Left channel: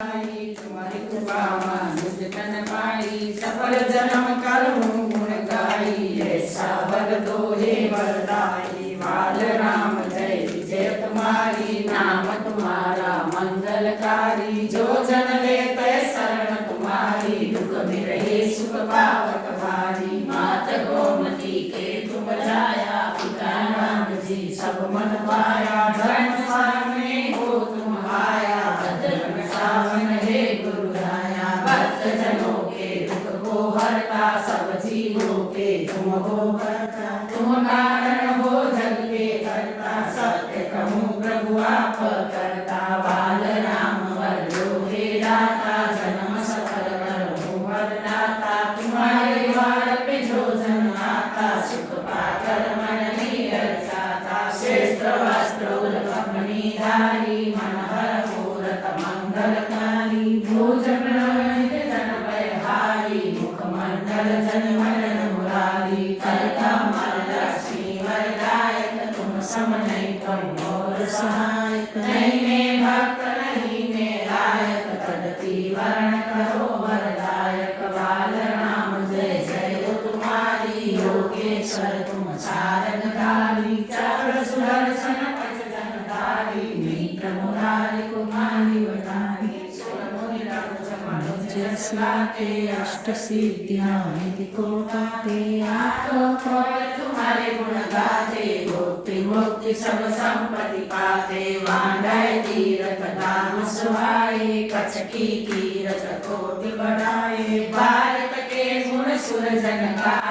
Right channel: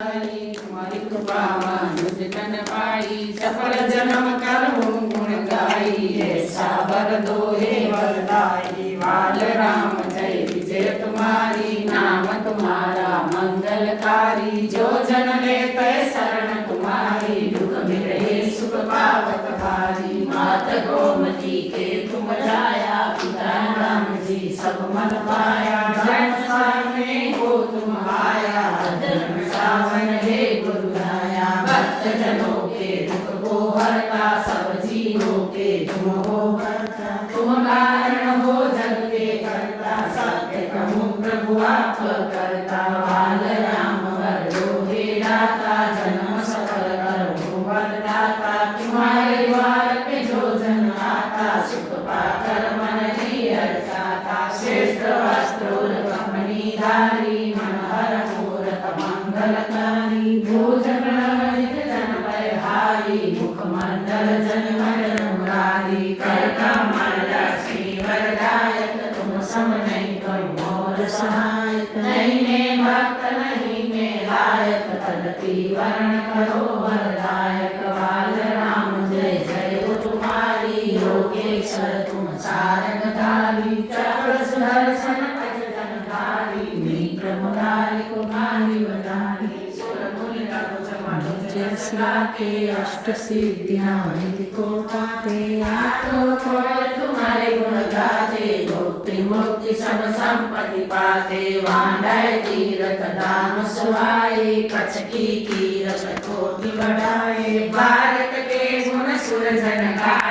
तुम्हारी कृपा मुझ तन पाई, सफल जन्म करहूँ गुण गाई। ऐसा वर दो हे वरदाई, बाल राम जय विजय तुम्हारी। नाम तुम्हारा मंगलकारी, जो जन लेते शरण तुम्हारी। दुख मिटे सुख पावत भारी, मात गोमती के तुम जाया। पिता राम जी सब मन पाया, धर्म सामने हो तुम आया। धर्म सावन हे गुरु राया, भक्त जनों के दुख को हरता। सब जीवों के तुम हो करता, तुम कारण हो जग के करता। सत्य कहूँ प्रभु आप करता, बाल राम वर दो हे दाता। जन्म सफल करो वरदाता, तुम्हारे द्वार पे जो जन आता। सुख पाकर मन ही हर्षाता, श्रेष्ठ वस्त्र कमनी धारी। मनहर मूरत मंगलकारी, भोजन रहित जन बलिहारी। मुखमंडल जन मन मुरारी, कर कमल लक्ष्मी वरदायक। तुम सम नहीं तुम मोर सहायक, नहीं ने भक्त नहीं ने लायक। तदपि वर्ण करो वरदायक, बाल राम जय जय हो तुम्हारी। योगेश्वर तुम सारंगधारी, चक्र सुदर्शन पच जनधारी। नेत्र मुरारी कुमारी वरदारी, सुर मुनि तनु जमन जैसा के। अष्ट सिद्धियां निधि को पाते, आठों कौर तुम्हारे गुण गाते। भुक्ति मुक्ति सब संपत्ति पाते, वांडय तीरथ धाम सुहाए। कछ की कीरत कोटि बढ़ाए, भारत के गुण सुर जन गाए।